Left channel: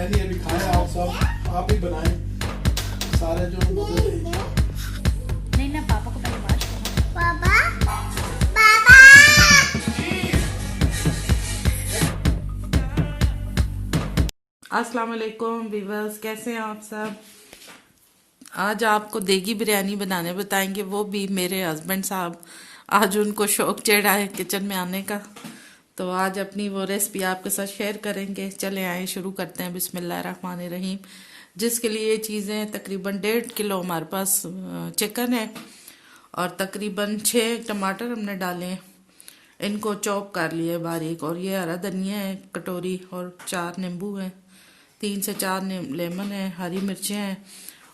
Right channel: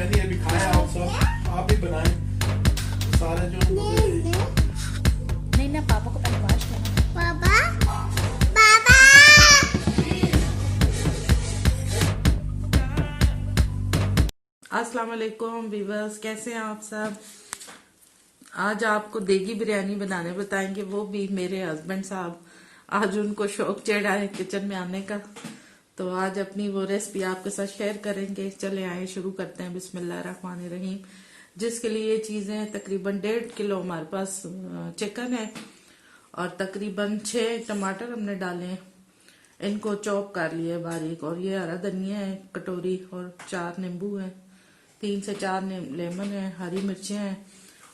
बिरयानी अभी खाए आप सब, आप ही बनाए सारे जो नहीं ना, पापा को पहले वॉश करना। पापा पापा अस्सलाम वालेकुम व्यूअर्स, कैसे हैं आप सब। आज आपको देगी बिरयानी बनाने बताएंगे, वो भी मेरे हस्बैंड साहब। आज उनको शौक चढ़ा है किचन में आने का, तो आज अपनी वो रेसिपी आपके साथ शेयर करेंगे। चले आए शुरू करते हैं। बिस्मिल्लाहिर्रहमानिर्रहीम। जिसके लिए चीज़ें तकरीबन 1.5 किलो हमारे पास चिकन है और तकरीबन 6 टमाटर हमने डाले हैं, इनको चॉप कर लिए बारीक। और ये हरा धनिया है कटोरी, और 4 नींबू है, 3 से 4 लेमन है, हरी मिर्चें हैं,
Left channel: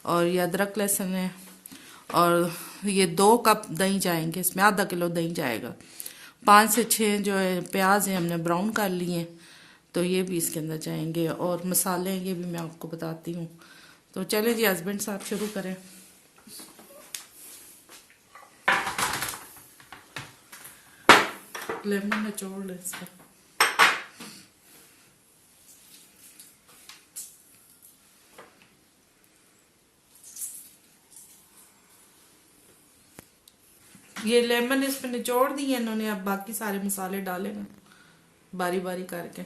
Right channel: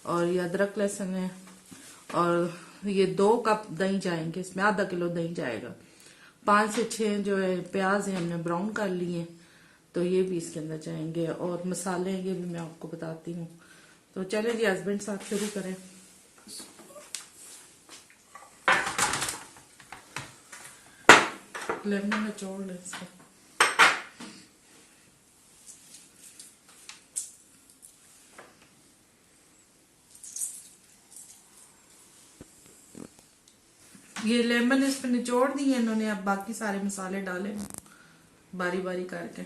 और ये अदरक लहसुन है। और ये 2 कप दही जाएंगे इसमें, आधा किलो दही जाएगा। 5 से 6 जो है प्याज है हमने ब्राउन कर लिए हैं, तो ये भी इसके अंदर जाएंगे। और मसाले ये भी मैं आपको बताती हूँ। तो चले जी हस्बैंड साहब शुरू करें। लेमन निचोड़ ले इसको। ये लेमन इसमें निचोड़ दी है इन्होंने। अब बाकी सारे मसाले डाले बारी बारी करके।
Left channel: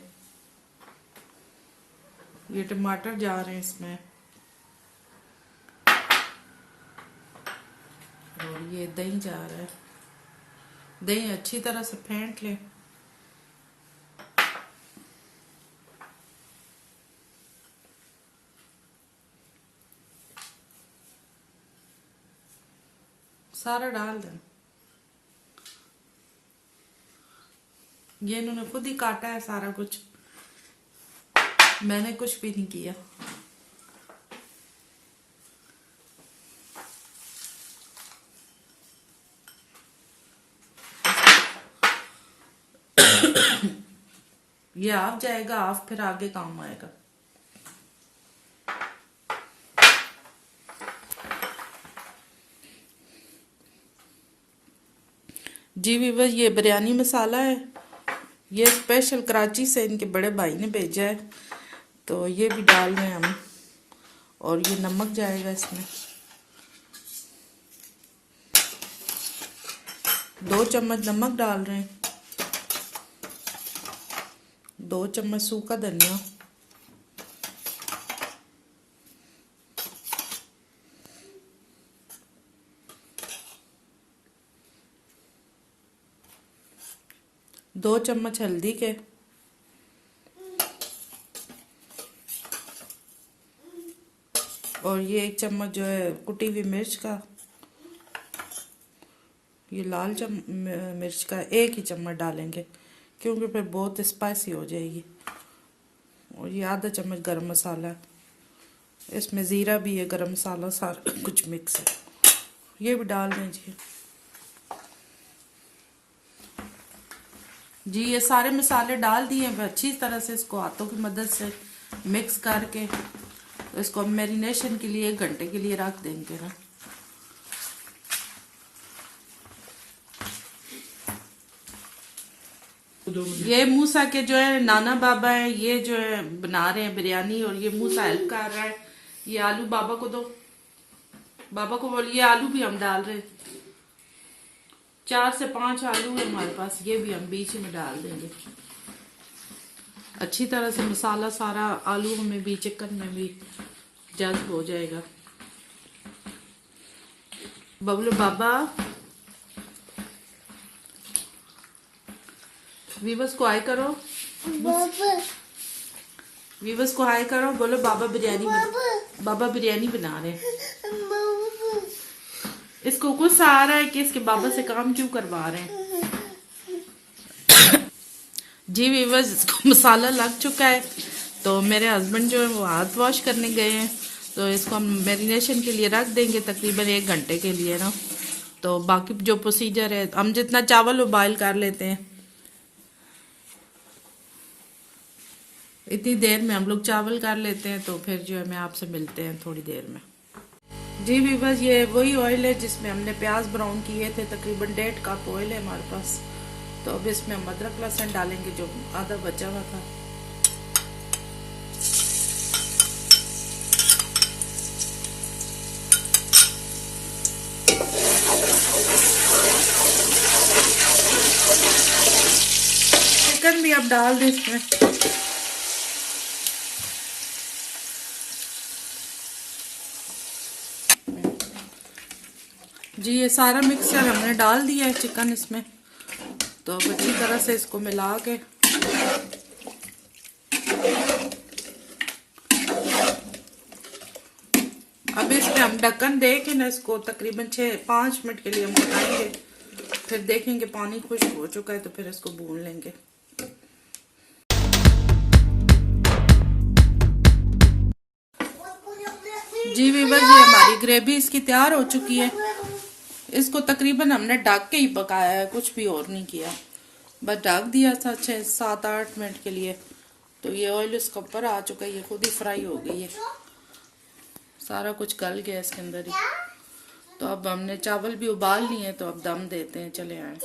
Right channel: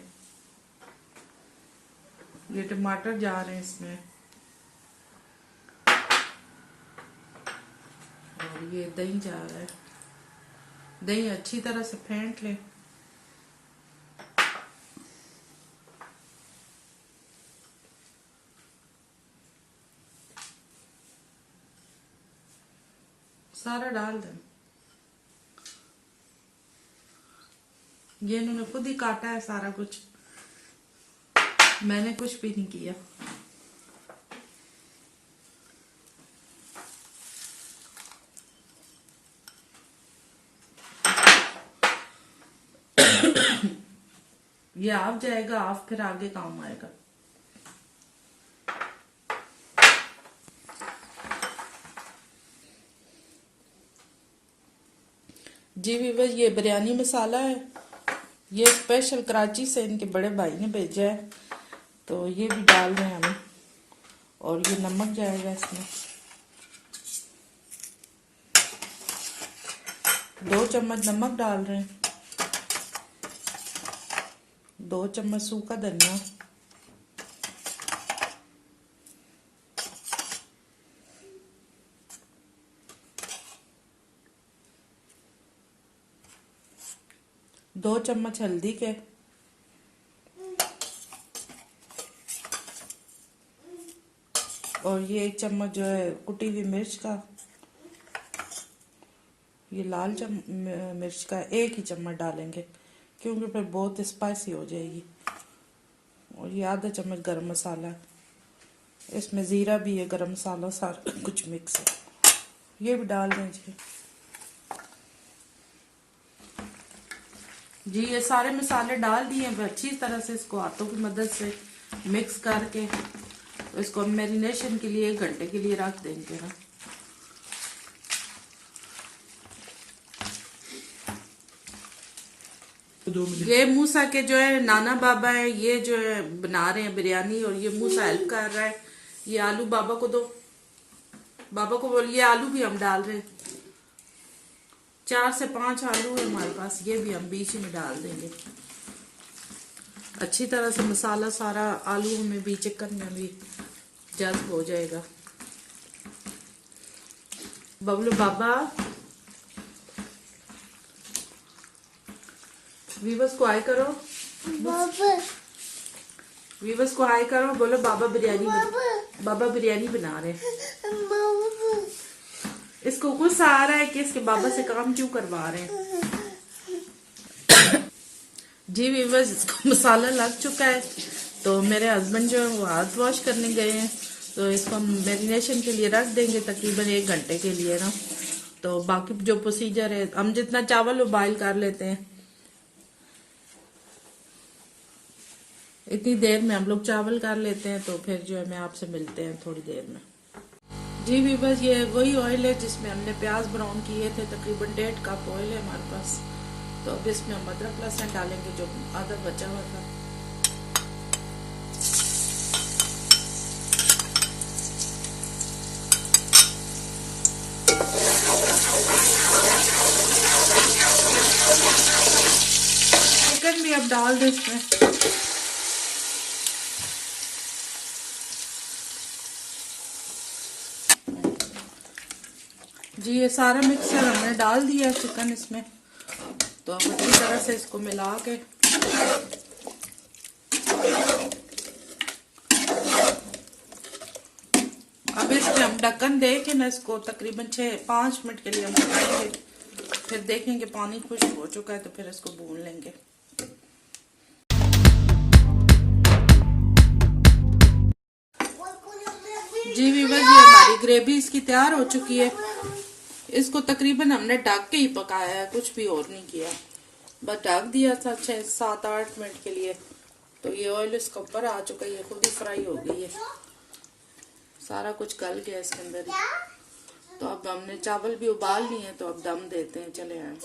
ये टमाटर जा रहे हैं इसमें, और ये दही जा रहा है। दही अच्छी तरह से फेंट ले। सारा डाल दें। ये इन्होंने खुद ही काटा है सारा कुछ, मैंने कुछ भी नहीं किया। ये आप जाएगा, आप फिर आगे काम आएगा। जी व्यूअर्स, ये बिरयानी मसाला है, ये स्पेशल कराची से इनके बड़े भाई ने भेजा है, तो ये भी डाल रहे हैं हम। और ये नमक जाएगा इसमें, 2 चम्मच नमक डाल रहे हैं, 2 चम्मच सूखा धनिया, दो चम्मच हल्दी के, और ये 1 चम्मच जो है कुटी हुई मिर्च का, ये लाल मिर्च का 1 ही चम्मच डालेंगे क्योंकि फिर बहुत स्पाइसी हो जाएगी। और ये आधा चम्मच गरम मसाला, इसमें जीरा भी है, गरम मसाला, सारा कुछ मिक्स है, ये भी डाल दें जी। ये सारे मसाले डाल दिए हैं। अच्छी तरह से इसको हाथों की मदद से मिक्स करके इसको मैरिनेशन के लिए 1 घंटे के लिए रख देंगे ना। ये मूसा के जो है नाना बाबा है, ये जो है बना रहे हैं बिरयानी, और ये मूसा हेल्प कर रहा है। ये आलू बाबा को दो, बाबा को बोलिए आलू भी हम डाल रहे हैं। 4 से 5 आलू है हमारे पास, ये भी हम बीच में डाल देंगे। अच्छी तरह से मसाला सारा आलू में भी चिकन में भी जज्ब हो जाएगा। बबलू बाबा वीवर्स को हाय करो, बाबा वीवर्स को हाय करो, बोलो बाबा बिरयानी बाबा बिरयानी बना रहे हैं। इसको गुस्सा आ रहा है कि इसके बाबा से काम क्यों करवा रहे हैं। जी वीवर्स, इसको मसाला लग चुका है, तो मेरे हस्बैंड जो है वो हाथ वॉश करने गए हैं, तो इसको हम मैरिनेशन के लिए रख देंगे तकरीबन 1 घंटे के लिए ना। तो बाकी जो प्रोसीजर है, हम जितना चावल उबाइल कर लेते हैं इतनी देर में हम लोग चावल कर लेते हैं। तो फिर जो है मैं आपसे मिलते हैं थोड़ी देर में। जी व्यूअर्स, ये वही ऑयल है जिसमें हमने प्याज ब्राउन किए थे, तकरीबन 1.5 कप ऑयल है हमारे पास। तो अब इसमें हम अदरक लहसुन डालेंगे जो आधा बचा हुआ था। चिकन भी अब डाल दे इसमें। जी ये सारा मिक्सचर हमने डाल दिया है चिकन इसमें, तो अब अच्छी तरह से इसको मिला के अब इसमें हम ढक्कन दे के ना इसको तकरीबन 5 मिनट के लिए हम पकाएंगे। फिर देखेंगे पानी खुश्क हो चुका है तो फिर इसको भून लेंगे। जी वीवर जी हमारी ग्रेवी इसकी तैयार हो चुकी है। इसको तकरीबन हमने ढक के ही पकाया है, कुछ भी और नहीं किया, बस ढक दिया था 6-7-8 मिनट के लिए। तो ये ऑयल इसके ऊपर आ चुका है, ये खुद ही फ्राई हो गई है, सारा कुछ गल गया इसके अंदर ही। तो अब हमने चावल भी उबाल लिए हैं, तो अब दम देते हैं। चले आए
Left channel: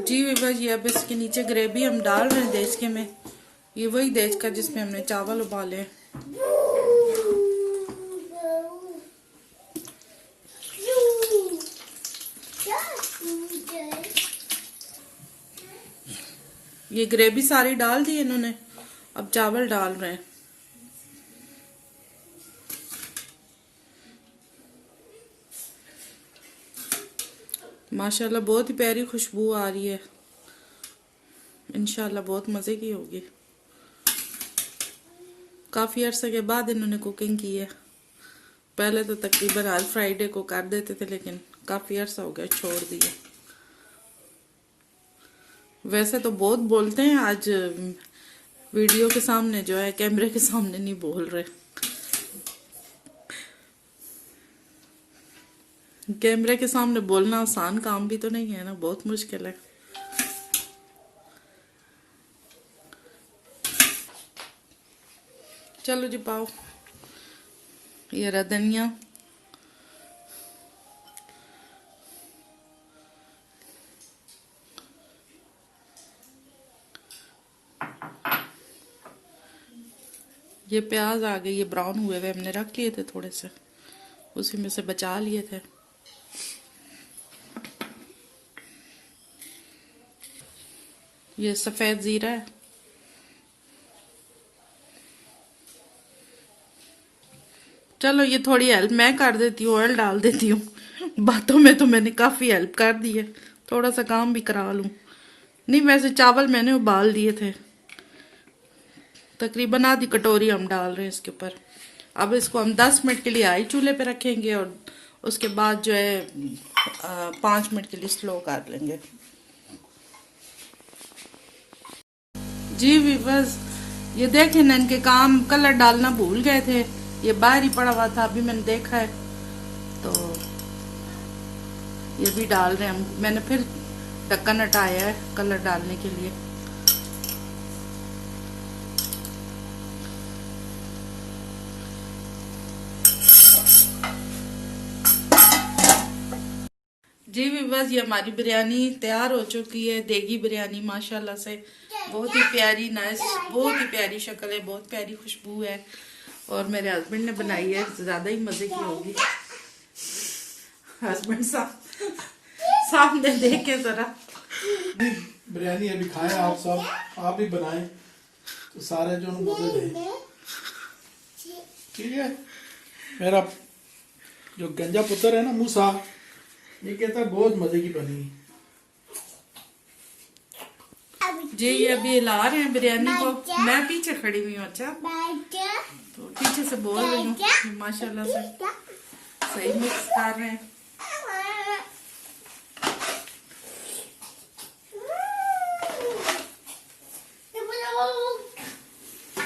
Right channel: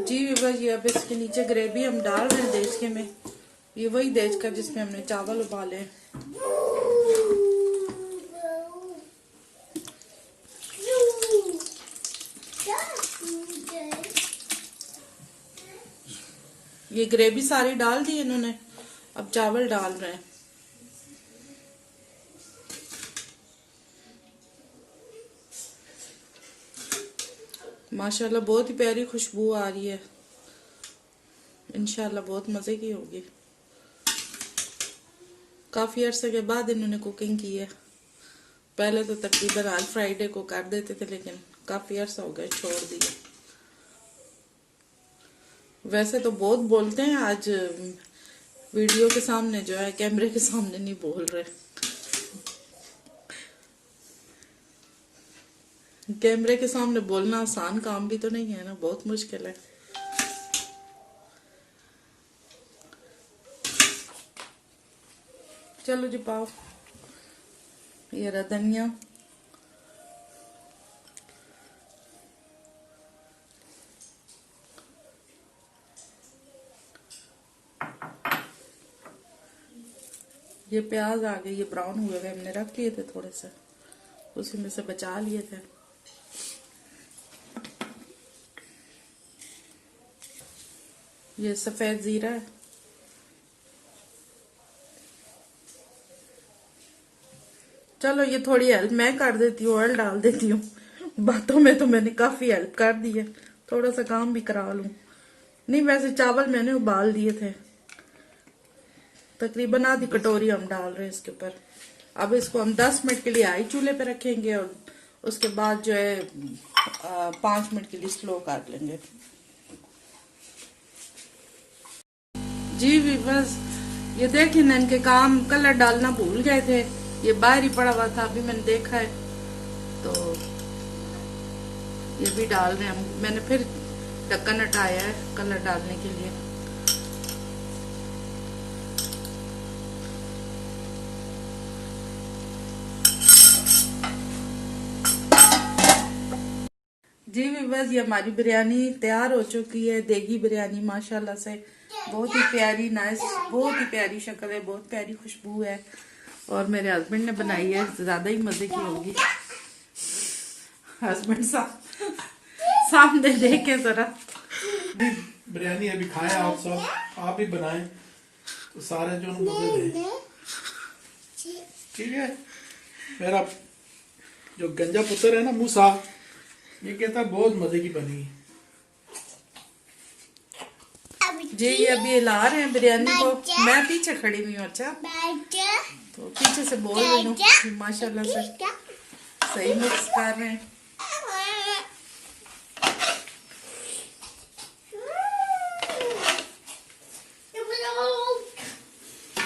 जी वीवर जी अब इसके नीचे ग्रेवी हम डाल रहे हैं देचके में। ये वही देचका जिसमें हमने चावल उबाले हैं। ये ग्रेवी सारी डाल दी इन्होंने, अब चावल डाल रहे हैं। माशाल्लाह बहुत ही प्यारी खुशबू आ रही है, इंशाल्लाह बहुत मजे की होगी। काफी अरसे के बाद इन्होंने कुकिंग की है, पहले तो तकरीबन हर फ्राइडे को कर देते थे, लेकिन काफी अरसा हो गया छोड़ दिया। वैसे तो बहुत बोलते हैं, आज वीडियो के सामने जो है कैमरे के सामने नहीं बोल रहे। कैमरे के सामने बोलना आसान काम भी तो नहीं है ना, बहुत मुश्किल है। चलो जी पाओ, ये रहा धनिया, ये प्याज आ गए, ये ब्राउन हुए हुए हमने रख लिए थे थोड़े से, उसी में से बचा लिए थे। ये सफेद जीरा है, चलो ये थोड़ी हेल्प मैं कर देती हूँ, ऑयल डाल देती हूँ। बातों में तो मैंने काफी हेल्प कर दी है, थोड़ा सा काम भी करा लूं। नहीं वैसे चावल मैंने उबाल दिए थे, तकरीबन आधी कटोरी हम डाल रहे हैं इसके ऊपर। अब इसको हम 10 मिनट के लिए हाई चूल्हे पे रखेंगे और उसके बाद जो है 5 मिनट के लिए स्लो कर लेंगे। जी वीवर्स ये देखें ना, इनके काम कलर डालना भूल गए थे, ये बाहर ही पड़ा हुआ था, अभी मैंने देखा है तो ये भी डाल रहे हैं। मैंने फिर ढक्कन हटाया है कलर डालने के लिए। जी वीवर्स ये हमारी बिरयानी तैयार हो चुकी है, देगी बिरयानी माशाल्लाह से बहुत ही प्यारी, नाइस, बहुत ही प्यारी शक्ल है, बहुत प्यारी खुशबू है और मेरे हस्बैंड ने बनाई है, ज्यादा ही मजे की होगी। हस्बैंड सामने देखे जरा। बिरयानी अभी खाएं आप सब, आप भी बनाएं तो सारे जो मजे दें, ठीक है। मेरा जो गंजा पुत्र है ना मूसा, ये कहता बहुत मजे की बनी। जी अभी हिला रहे हैं बिरयानी को, मैं पीछे खड़ी हुई हूँ। अच्छा तो पीछे से बोल रही हूँ, माशाल्लाह से सही मिक्स कर रहे हैं।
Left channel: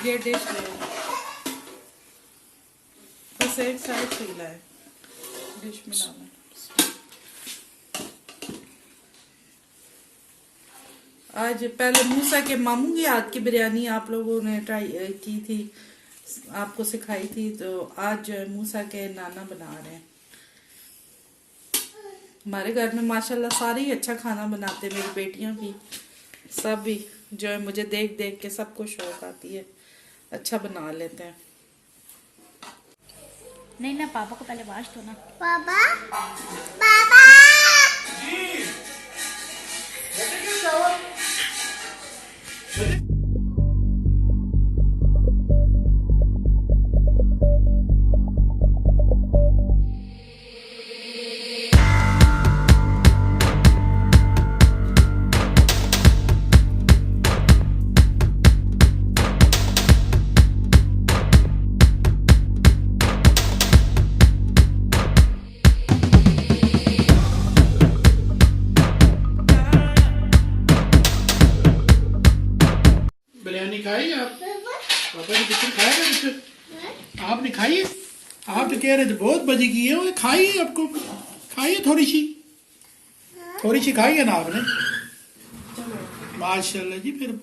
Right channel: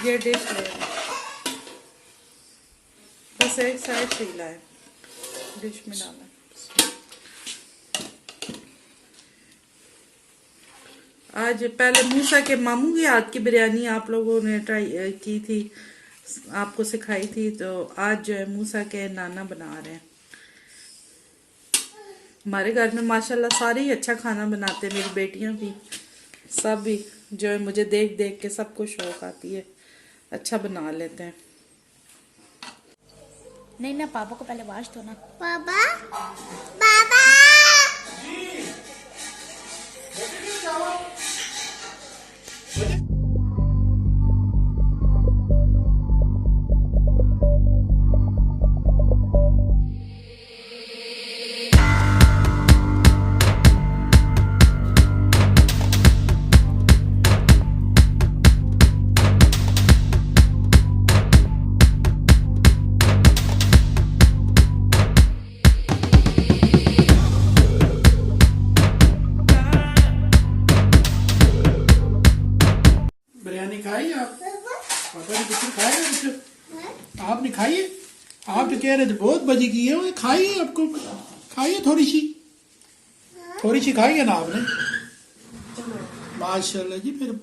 ये डिश बस एक साइड से हिला है, डिश में डालना है। आज पहले मूसा के मामू की हाथ की बिरयानी आप लोगों ने ट्राई की थी, आपको सिखाई थी, तो आज जो है मूसा के नाना बना रहे हैं। हमारे घर में माशाल्लाह सारे ही अच्छा खाना बनाते हैं, मेरी बेटियां भी, सब भी जो है मुझे देख देख के सबको शौक आती है, अच्छा बना लेते हैं। नहीं ना पापा को पहले वाश धोना। पापा पापा आप तो कह रहे थे बहुत बजी की है, वो खाइए, आपको खाइए थोड़ी सी खाइए ना आपने। माशाल्लाह जी, फिर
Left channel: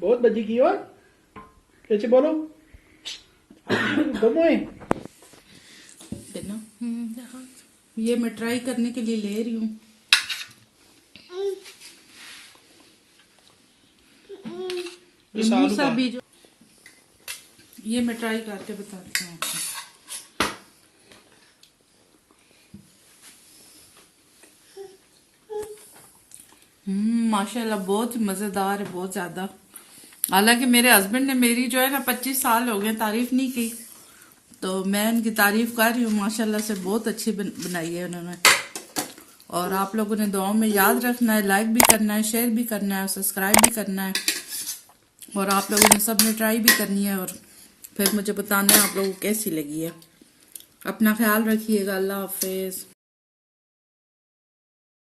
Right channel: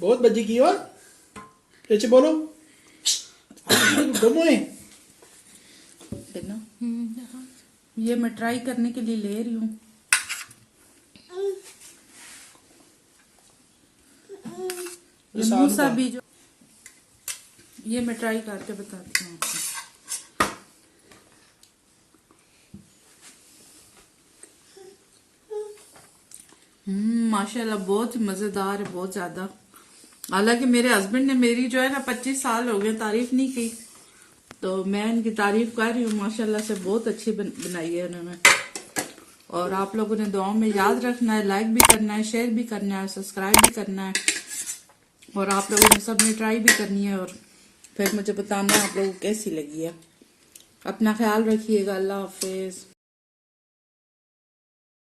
बहुत बजी की और कैसे बोलो दमोए। है ना? ये मैं ट्राई करने के लिए ले रही हूँ। ये सालू मूसा का। भी जो ये मैं ट्राई करके बताती हूँ आपको। माशाल्लाह बहुत ही मजेदार है, बहुत ज्यादा। हालांकि मेरे हस्बैंड ने मेरी जो है ना 25 साल हो गए तारीफ नहीं की, तो मैं उनकी तारीफ कर रही हूँ। माशाल्लाह से बहुत अच्छी बनाई है उन्होंने। और आप लोगों ने दुआओं में याद रखना है, लाइक भी करना है, शेयर भी करना है, सब्सक्राइब भी करना है। और आप लोगों ने सबने ट्राई भी करनी है और फिर मुझे बताना है आप लोगों को कैसी लगी है। अपना ख्याल रखिएगा। अल्लाह हाफिज।